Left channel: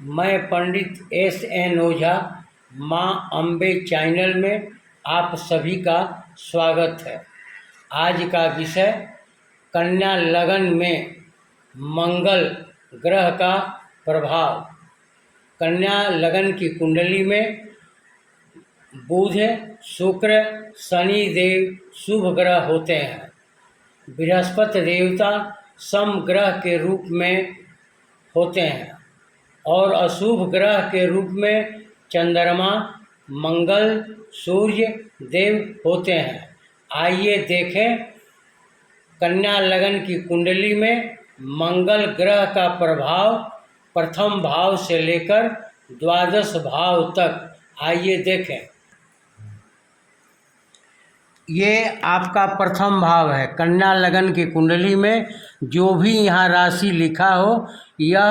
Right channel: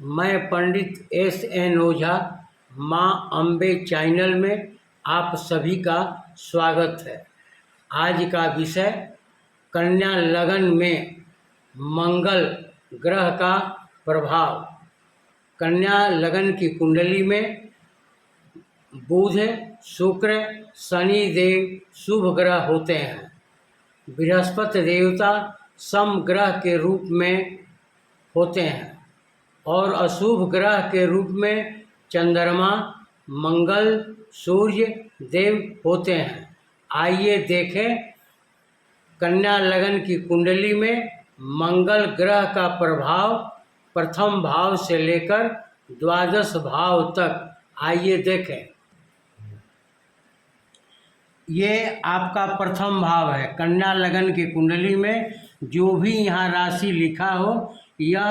मैं पंडित एस.एन. ओझा माँ अम्बे चैनल में आप सभी का स्वागत है। आज का विषय कन्या लगन में मंगल ग्रह का प्रभाव। कन्या लगन की कुंडली में बुध, शुक्र, शनि देव शुभ ग्रह होते हैं। बृहस्पति देवता सम ग्रह के रूप में होते हैं और अशुभ ग्रह के रूप में चंद्रमा, मंगल, सूर्य देव होते हैं। आइए देखें कन्या लगन की कुंडली में मंगल ग्रह का प्रभाव प्रथम भाव से लेकर द्वादश भाव तक। आइए देखें। ये आपका प्रथम भाव है। कन्या लगन की कुंडली में जो भी यहाँ राशि लिखा हो यह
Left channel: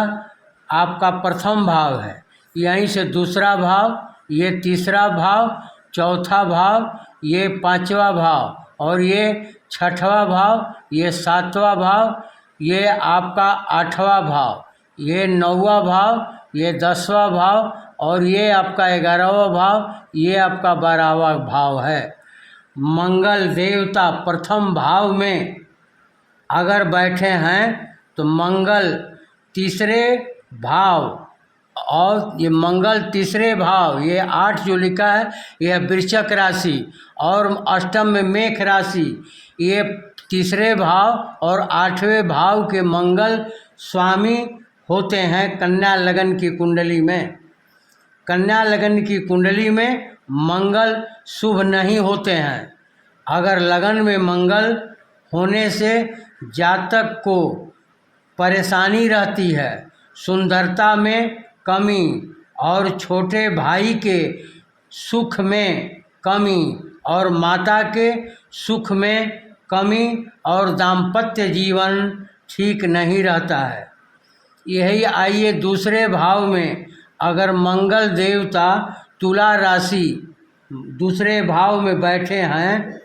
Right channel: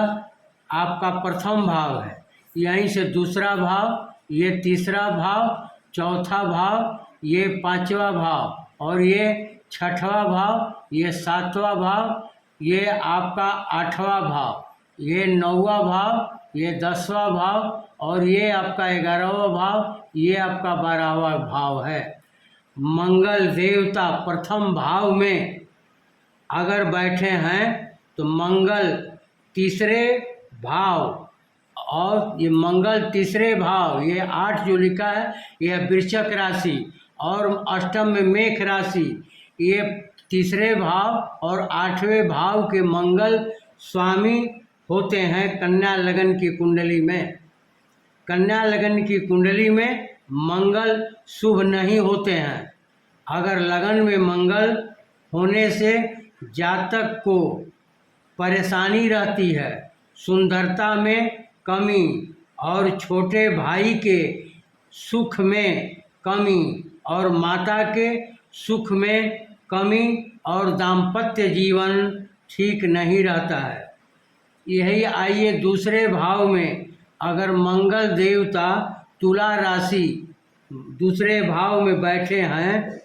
आपका प्रथम भाव है। यहीं से दूसरा भाव, ये तीसरा भाव, चौथा भाव, ये पांचवा भाव और ये छठवां भाव, ये सातवां भाव, ये आपका आठवां भाव, ये नौवां भाव, ये 10वां भाव और ये आपका 11वां भाव, ये आपका 12वां भाव है। मंगल देवता प्रथम भाव में अगर बैठे हैं तो मंगल तीसरे भाव, और ये मंगल तीसरे भाव, ये 8 जो लिखा है यह वृश्चिक राशि और अष्टम में मेष राशि, ये तीसरे भाव और 8वें भाव के मंगल स्वामी होते हैं कन्या लगन की कुंडली में। कन्या लगन की कुंडली में मंगल शुभ नहीं होते हैं। अगर लगन में मंगल होने से जातक को परेशानी रहती है, सुंदरता में कमी और छोटे भाई के सुख में कमी और माता के सुख में कमी और दाम्पत्य जीवन ठीक नहीं रहता है। यही आइए दूसरे भाव में अगर मंगल देवता तुला राशि दूसरे भाव में बैठे हैं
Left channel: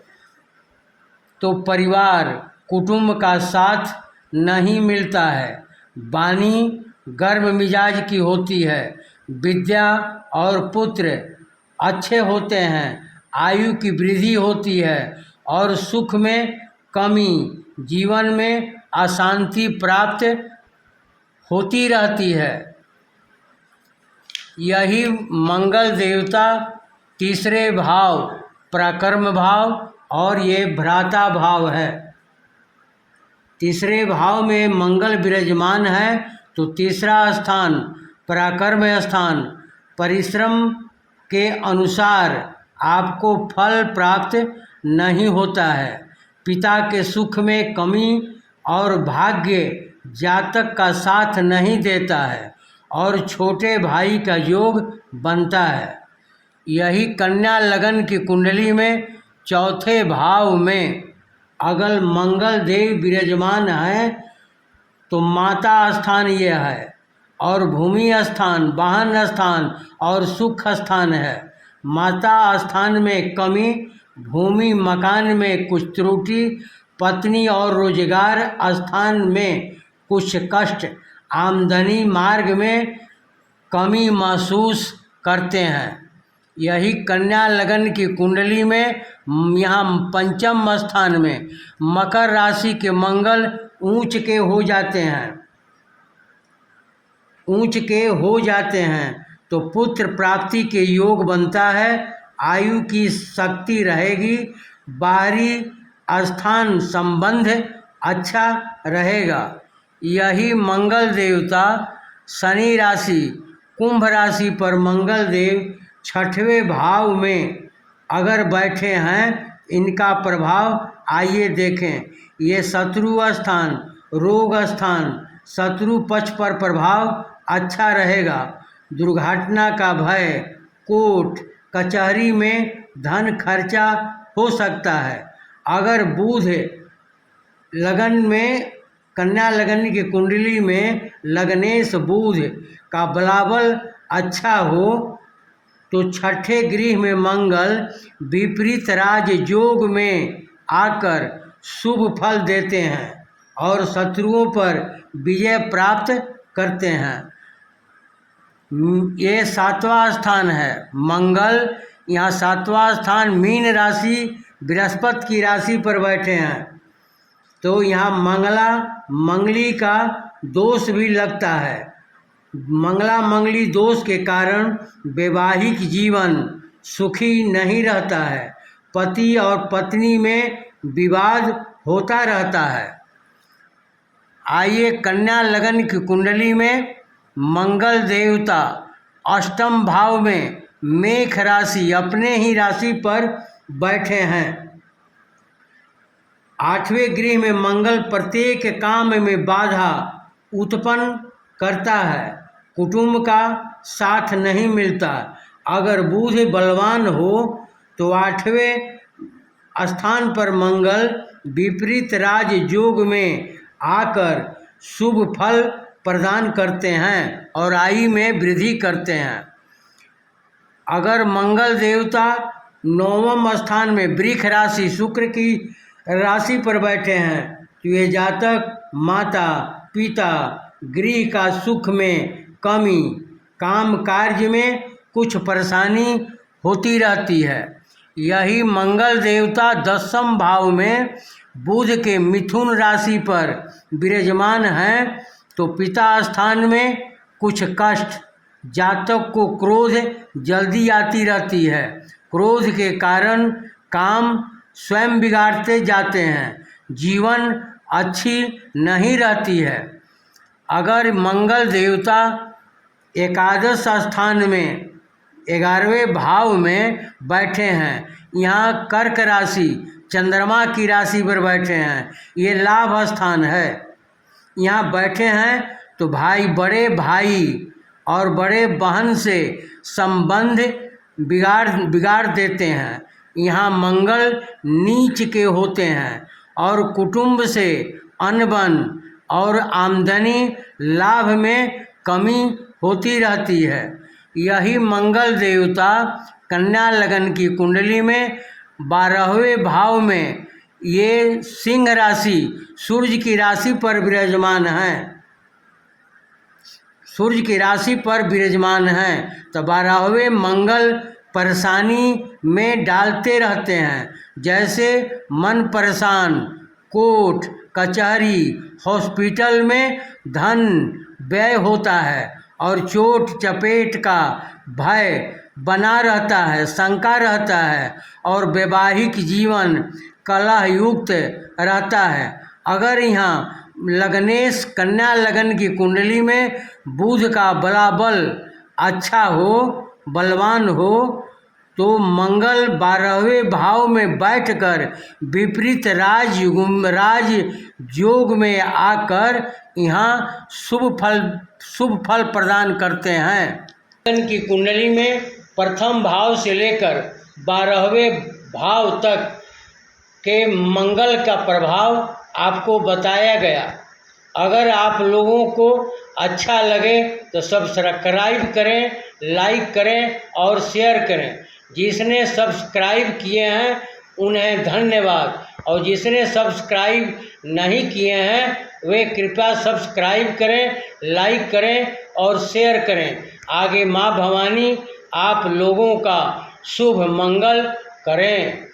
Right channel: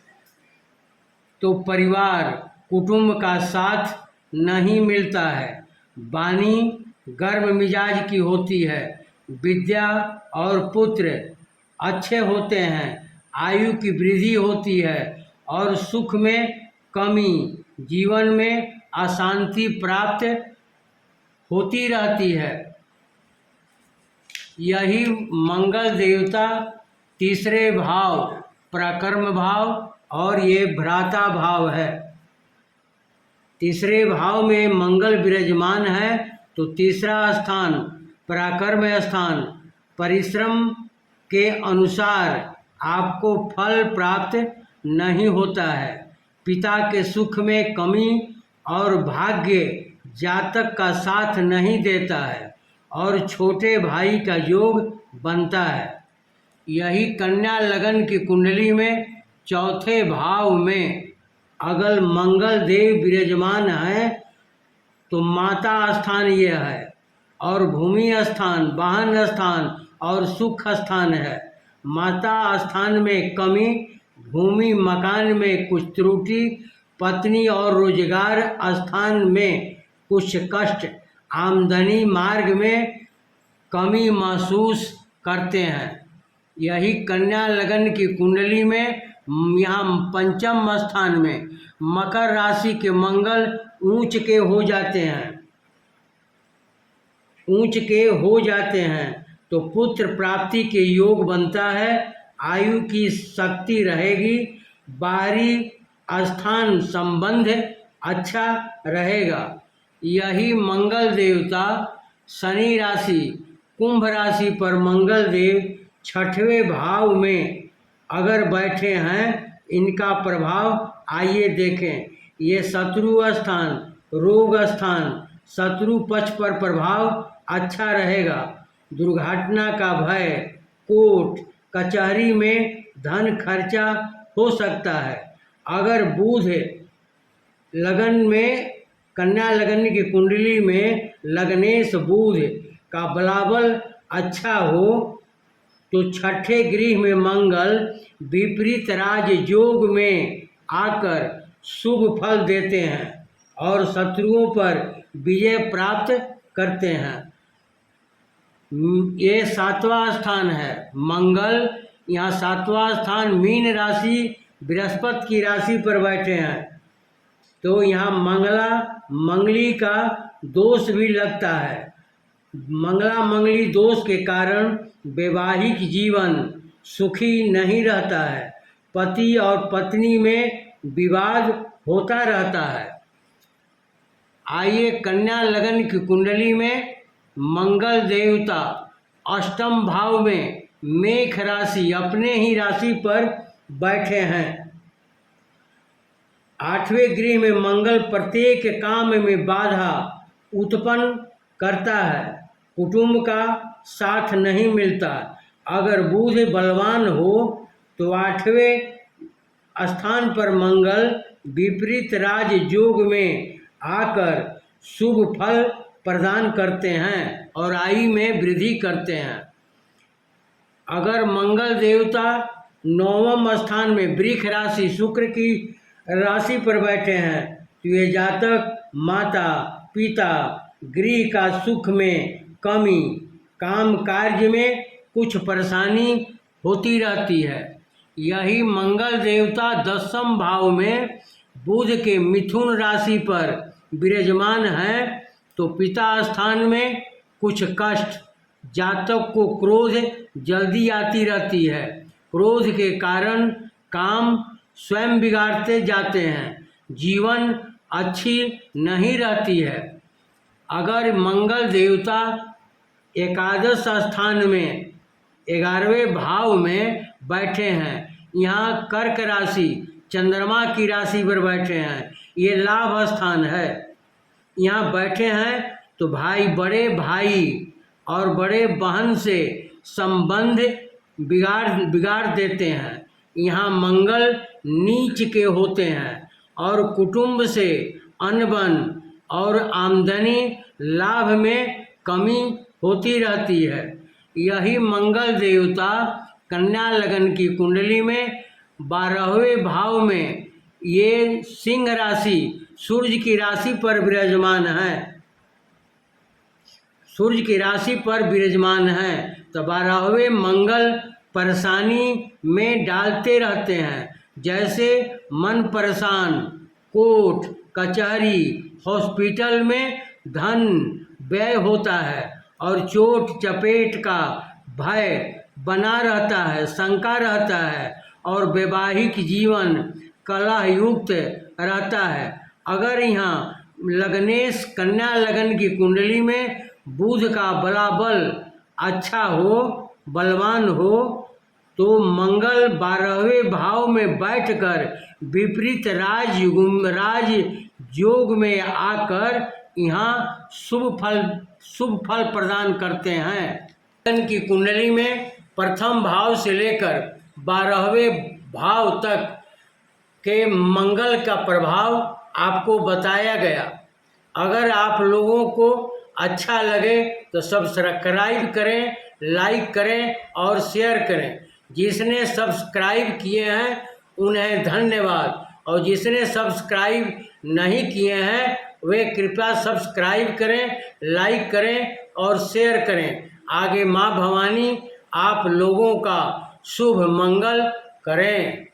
तो परिवार कुटुंब का साथ नहीं मिलता है। वाणी गर्म मिजाज की होती है। विद्या और पुत्र अच्छे होते हैं। आयु की वृद्धि होती है और सुख में कमी, जीवन में अशांति प्राप्त होती रहती है। यही मंगल देवता तीसरे भाव पराक्रम भाव और ये भ्राता भाव है। तीसरे भाव में मंगल विराजमान है तो तीसरा स्थान पराक्रम स्थान, परिश्रम के अनुसार आपको फल प्राप्त नहीं होता है। पिता के सुख में कमी और भाग्य जातक का साथ नहीं देता है और छोटे भाई का योग बनता है। यही कन्या लगन की कुंडली में चौथे भाव में अगर मंगल देव विराजमान है तो माता स्थान यह है और भूमि स्थान, वाहन स्थान और सुख स्थान है। माता स्थान में कमी, भूमि मकान में कुछ त्रुटि, पत्नी और रोजगार स्थान में कुछ कष्ट, आमदनी मार्ग में कमी महसूस करते हैं। यही कन्या लगन की कुंडली में यहाँ पंचम स्थान में मकर राशि के मंगल ऊंच के हो जाते हैं तो पुत्र प्राप्ति के योग बनता है। आयु की शक्ति रहेगी। बाहरी स्थान संबंध अच्छा रहेगा। यही मंगल देवता शनि राशि कुंभ राशि पर मंगल देव छठवें भाव में अगर बैठे हैं, इनका प्रभाव आइए देखें। ये शत्रु स्थान, रोग स्थान, शत्रु पक्ष पर प्रभाव अच्छा रहेगा। दुर्घटना का भय, कोर्ट कचहरी में धन खर्चा हो सकता है। अगर बुध लगन में कन्या लगन की कुंडली में लग्नेश बुध का बलाबल अच्छा हो तो छठे गृह में मंगल विपरीत राज योग में आकर शुभ फल देते हैं और शत्रुओं पर विजय प्राप्त करते हैं। ये 7वां स्थान है मंगल, यहाँ 7वां स्थान मीन राशि बृहस्पति की राशि पर बैठे हैं, तो यहाँ मंगली का दोष भी लगता है। मंगली दोष के कारण वैवाहिक जीवन सुखी नहीं रहता है, पति और पत्नी में विवाद होता रहता है। आइए कन्या लगन की कुंडली में मंगल देवता अष्टम भाव में मेष राशि अपने ही राशि पर बैठे हैं। 8वें गृह में मंगल प्रत्येक काम में बाधा उत्पन्न करता है, कुटुंब का साथ नहीं मिलता। अगर बुध बलवान हो तो 8वें स्थान पर मंगल विपरीत राज योग में आकर शुभ फल प्रदान करते हैं और आयु में वृद्धि करते हैं। अगर मंगल देवता 9वें स्थान में वृष राशि शुक्र की राशि पर बैठे हैं तो ये जातक माता पिता गृह का सुख में कमी, काम कार्य में कुछ परेशानी होती रहती है। यही मंगल देवता 10वें भाव में बुध के मिथुन राशि पर विराजमान हैं तो पिता स्थान में कुछ कष्ट, जातक को क्रोध जल्दी आती रहती है, क्रोध के कारण काम स्वयं बिगाड़ते जाते हैं, जीवन अच्छी नहीं रहती है। अगर मंगल देवता एकादश स्थान में 11वें भाव में बैठे हैं, यहाँ कर्क राशि चंद्रमा की राशि पर बैठे हैं, ये लाभ स्थान है, यहाँ बैठे हैं तो बड़े भाई और बड़े बहन से संबंध बिगाड़ देते हैं। यहाँ मंगल नीच के होते हैं और कुटुंब से अनबन और आमदनी लाभ में कमी होती रहती है। यही मंगल देवता कन्या लगन की कुंडली में 12वें भाव में ये सिंह राशि सूर्य की राशि पर विराजमान है, सूर्य की राशि पर विराजमान है तो 12वें मंगल परेशानी में डालते रहते हैं, जैसे मन परेशान, कोर्ट कचहरी हॉस्पिटल में धन व्यय होता है और चोट चपेट का भय बना रहता है, शंका रहता है और वैवाहिक जीवन कलह युक्त रहता है। अगर यहाँ लग्नेश कन्या लगन की कुंडली में बुध का बलाबल अच्छा हो, बलवान हो तो मंगल 12वें भाव में बैठकर विपरीत राज योग में आकर यहाँ शुभ फल प्रदान करते हैं। लगन की कुंडली में प्रथम भाव से लेकर 12वें भाव तक के मंगल का प्रभाव आपको बताया गया। अगर आप लोगों को अच्छा लगे तो सब्सक्राइब करें, लाइक करें और शेयर करें। जिसने सब्सक्राइब किए हैं उन्हें धन्यवाद और जिसने सब्सक्राइब नहीं किए हैं वे कृपया सब्सक्राइब करें, लाइक करें और शेयर करें। आगे माँ भवानी आप लोगों का शुभ मंगल करें।